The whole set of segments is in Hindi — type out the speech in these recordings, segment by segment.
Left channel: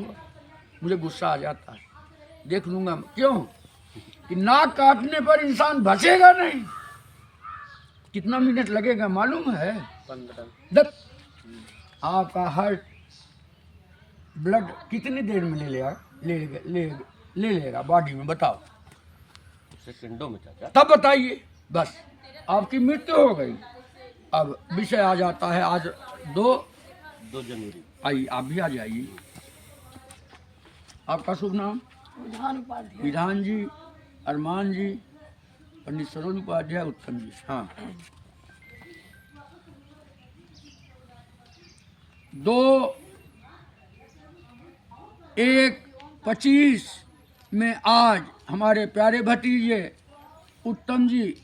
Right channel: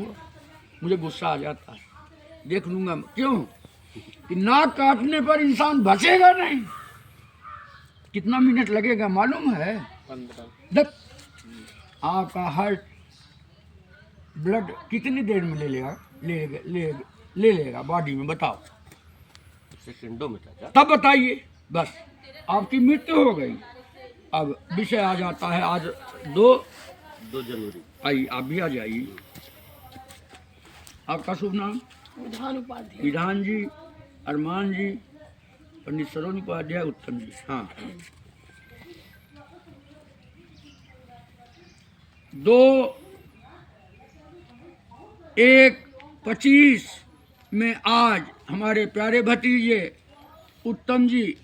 मुझे गुस्सा आ जाता है, देख लूंगा। क्यों कि नाक काटने पर इंसान बचेगा नहीं। कितना मिनट लगेगा मालूम है? 15। आपका हार्ट ब्लड कितनी देर में ले लेगा ले लेगा बॉडी में, बताओ? सेकंडों में चाचा। तब बताइए, बस आपकी मृत्यु हो गई। अब विषय आ जाता है, आज 2 जनवरी। आइए, आप भी आ जाइए। आपका शुभ नाम? विधान जी, अरमान जी, पंडित सरोज उपाध्याय, उत्तम जी। हाँ, 2/1/25 में आज हमारे प्यारे भतीजे उत्तम जी,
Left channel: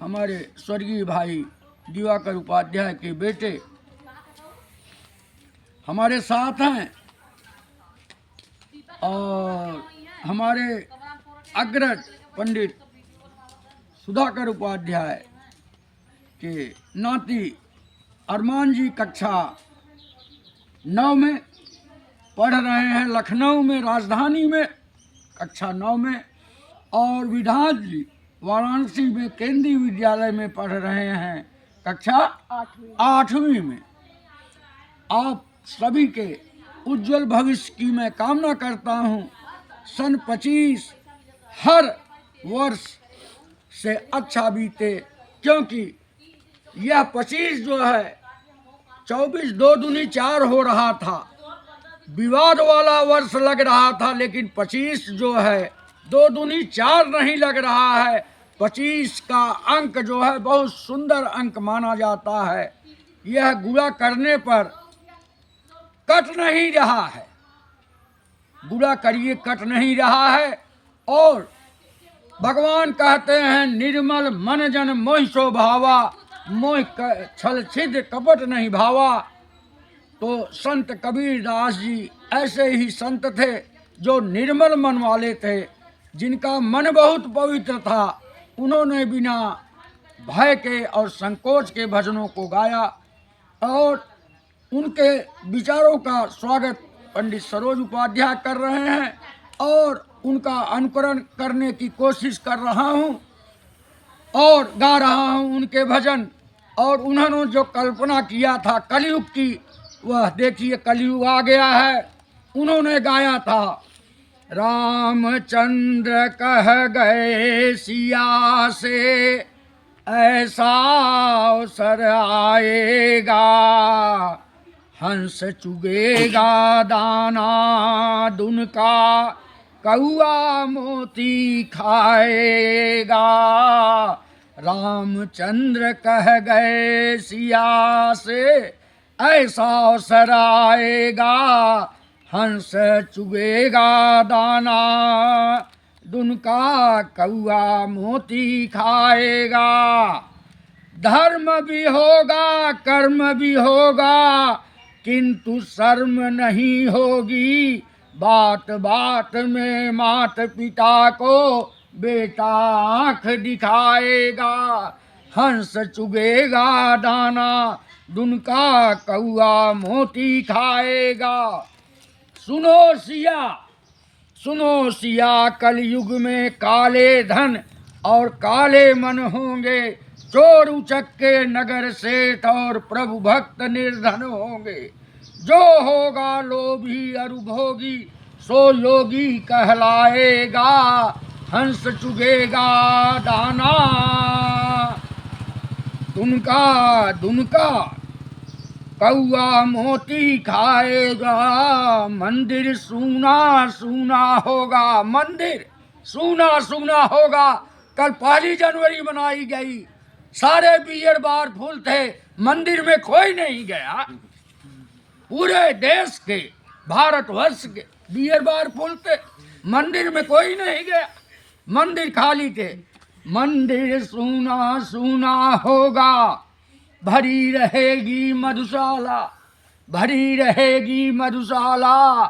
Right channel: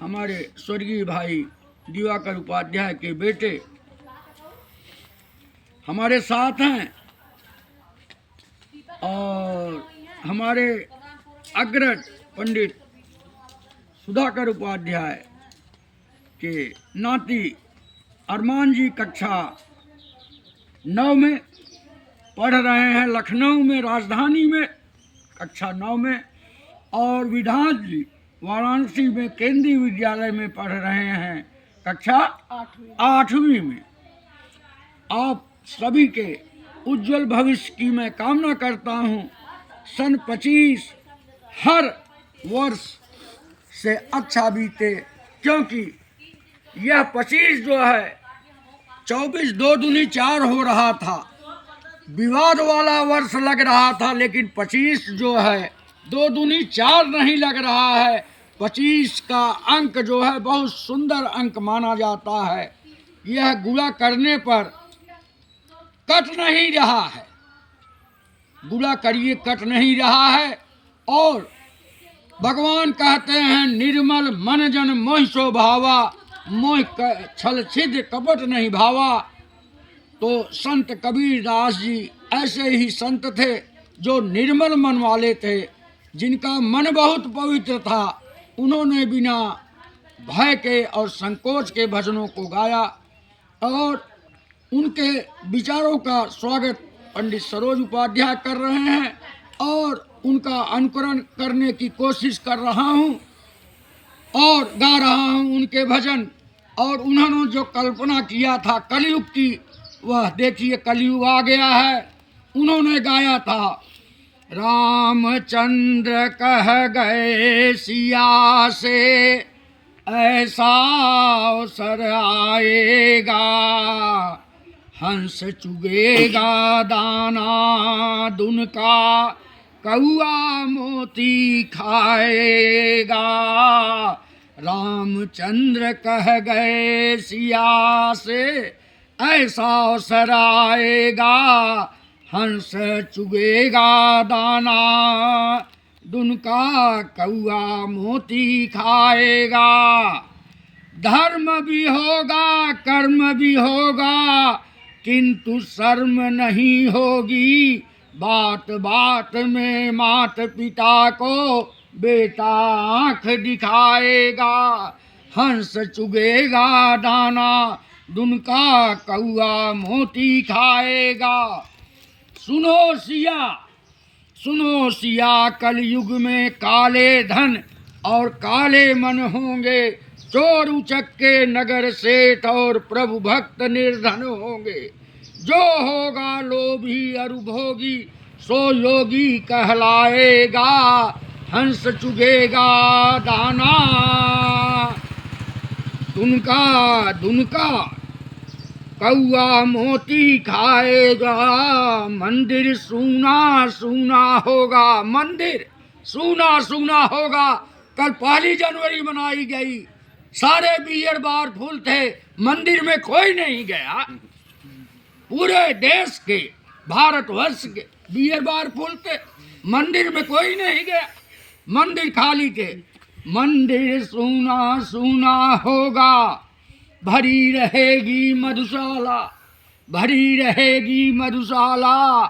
हमारे स्वर्गीय भाई दिवाकर उपाध्याय के बेटे हमारे साथ हैं, और हमारे अग्रज पंडित सुधाकर उपाध्याय के नाती अरमान जी कक्षा 9 में पढ़ रहे हैं, लखनऊ में, राजधानी में, कक्षा 9 में। और विधान जी वाराणसी में केंद्रीय विद्यालय में पढ़ रहे हैं, कक्षा 8वीं में। आप सभी के उज्जवल भविष्य की मैं कामना करता हूँ। सन 25 हर वर्ष से अच्छा बीते, क्योंकि यह 25 जो है 24 2 दूनी 4 हो रहा था, विवाद वाला वर्ष लग रहा था, लेकिन 25 जो है 2 दूनी 4 नहीं लग रहा है। 25 का अंक जो है बहुत सुंदर अंक माना जाता है। यह गुणा करने पर कट नहीं रहा है, गुणा करिए कट नहीं रहा है। और भगवान कहते हैं, निर्मल मन जन मोहि सो भावा, मोह छल छिद्र कपट नहीं भावा। तो संत कबीर दास जी ऐसे ही संत थे जो निर्मल मन वाले थे, जिनका मन बहुत पवित्र था। उन्होंने बिना भय के और संकोच के भजनों को गाया, और उनके विचारों का स्वागत पंडित सरोज उपाध्याय कर रहे हैं, और उनका अनुकरण करने की कोशिश कर रहा हूँ और गा रहा हूँ उनके भजन। और उन्होंने जो कल्पना किया था कलयुग की, वह देखिए कलयुग आ गया है। उन्होंने गाया था, रामचंद्र कह गए सिया से ऐसा अवसर आएगा, हंस चुगेगा दाना दुन का, कौआ मोती खाएगा। रामचंद्र कह गए सिया से ऐसा अवसर आएगा, हंस चुगेगा दाना दुन का, कौआ मोती खाएगा। धर्म भी होगा कर्म भी होगा, किंतु शर्म नहीं होगी। बात बात में मात पिता को बेटा आँख दिखाएगा, हंस चुगेगा दाना दुन का, कौआ मोती खाएगा। सुनो सिया, कलयुग में काले धन और काले मन होंगे, चोर उचक्के नगर सेठ और प्रभु भक्त निर्धन होंगे। जो होगा लोभी अरुभोगी, सो योगी कहलाएगा, हंस चुगेगा दाना दुनका, कौआ मोती खाएगा। मंदिर सूना सूना होगा, मंदिर सूना सूना होगा। कल 1 जनवरी मनाई गई, सारे बियर बार फुल थे, मंदिर में कोई नहीं गया। पूरे देश के, भारतवर्ष के बियर बार फुल थे, मंदिर में कोई नहीं गया, मंदिर खाली थे। मंदिर सूना सूना होगा, भरी रहेगी मधुशाला, भरी रहेगी मधुशाला।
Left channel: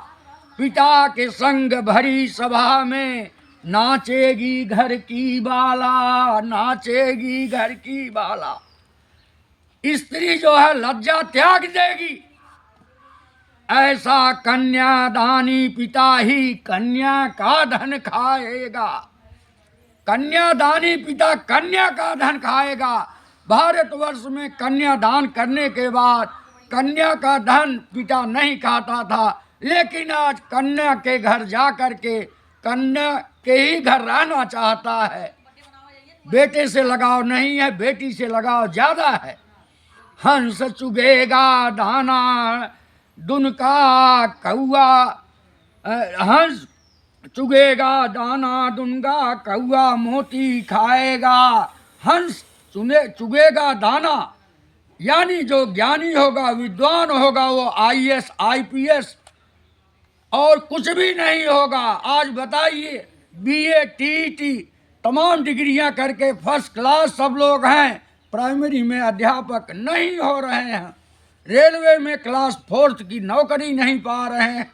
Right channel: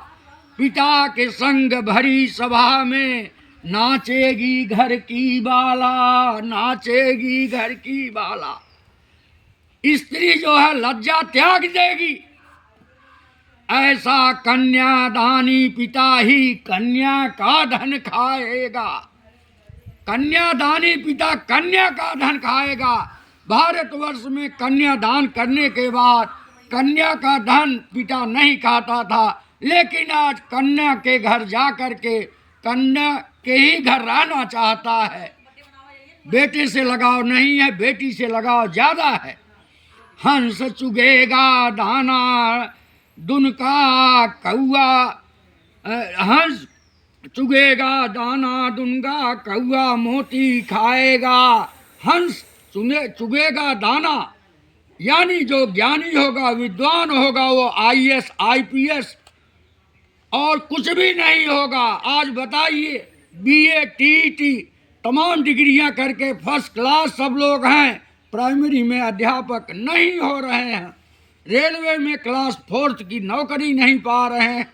पिता के संग भरी सभा में नाचेगी घर की बाला, नाचेगी घर की बाला। स्त्री जो है लज्जा त्याग देगी, ऐसा कन्यादानी पिता ही कन्या का धन खाएगा। कन्यादानी पिता कन्या का धन खाएगा। भारतवर्ष में कन्यादान करने के बाद कन्या का धन पिता नहीं खाता था, लेकिन आज कन्या के घर जा कर के कन्या के ही घर रहना चाहता है। बेटे से लगाव नहीं है, बेटी से लगाव ज्यादा है। हंस चुगेगा दाना दुन का कौआ, हंस चुगेगा दाना दुन का कौआ मोती खाएगा। हंस चुगेगा दाना, यानी जो ज्ञानी होगा, विद्वान होगा, वो IAS IPS और कुछ भी नहीं होगा। आज बताइए, BA TET तमाम डिग्रियां करके फर्स्ट क्लास सब लोग हैं, प्राइमरी में अध्यापक नहीं हो रहे हैं, रेलवे में क्लास 4 की नौकरी नहीं पा रहे हैं,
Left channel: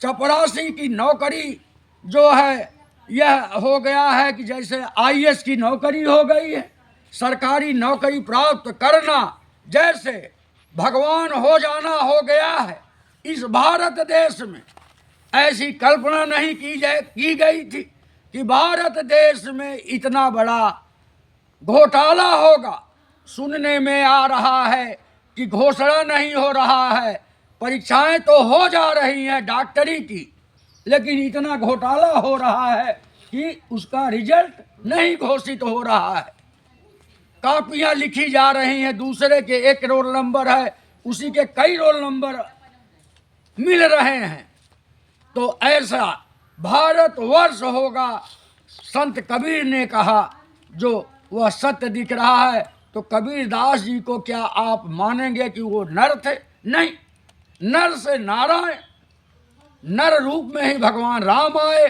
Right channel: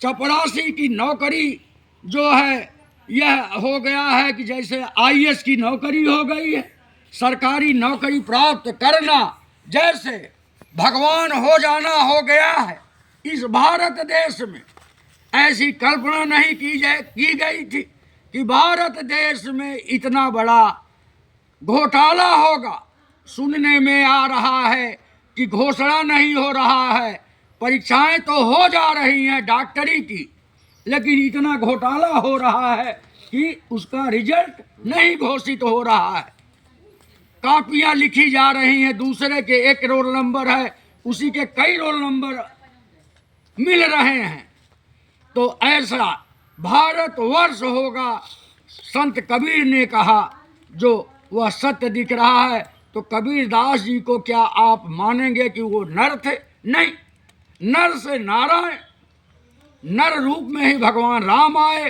चपरासी की नौकरी जो है यह हो गया है कि जैसे IAS की नौकरी हो गई है। सरकारी नौकरी प्राप्त करना जैसे भगवान हो जाना हो गया है। इस भारत देश में ऐसी कल्पना नहीं की गई थी कि भारत देश में इतना बड़ा घोटाला होगा। सुनने में आ रहा है कि घोषणा नहीं हो रहा है, परीक्षाएं तो हो जा रही हैं डॉक्टरी की, लेकिन इतना घोटाला हो रहा है कि उसका रिजल्ट नहीं घोषित हो रहा है। कापियां लिखी जा रही हैं, दूसरे के एक रोल नंबर है, उसी के कई रोल नंबर मिल रहे हैं। तो ऐसा भारतवर्ष होगा। संत कबीर ने कहा जो वह सत्य दिख रहा है, तो कबीर दास जी को क्या आप मानेंगे कि वो नर थे? नहीं, नर से नारायण, नर रूप में ही भगवान राम आए,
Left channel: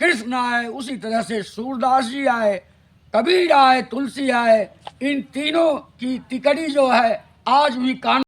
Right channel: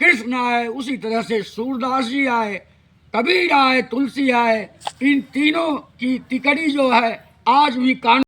कृष्ण आए, उसी तरह से सूरदास जी आए, कबीर आए, तुलसी आए। इन तीनों की तिकड़ी जो है आज भी कानून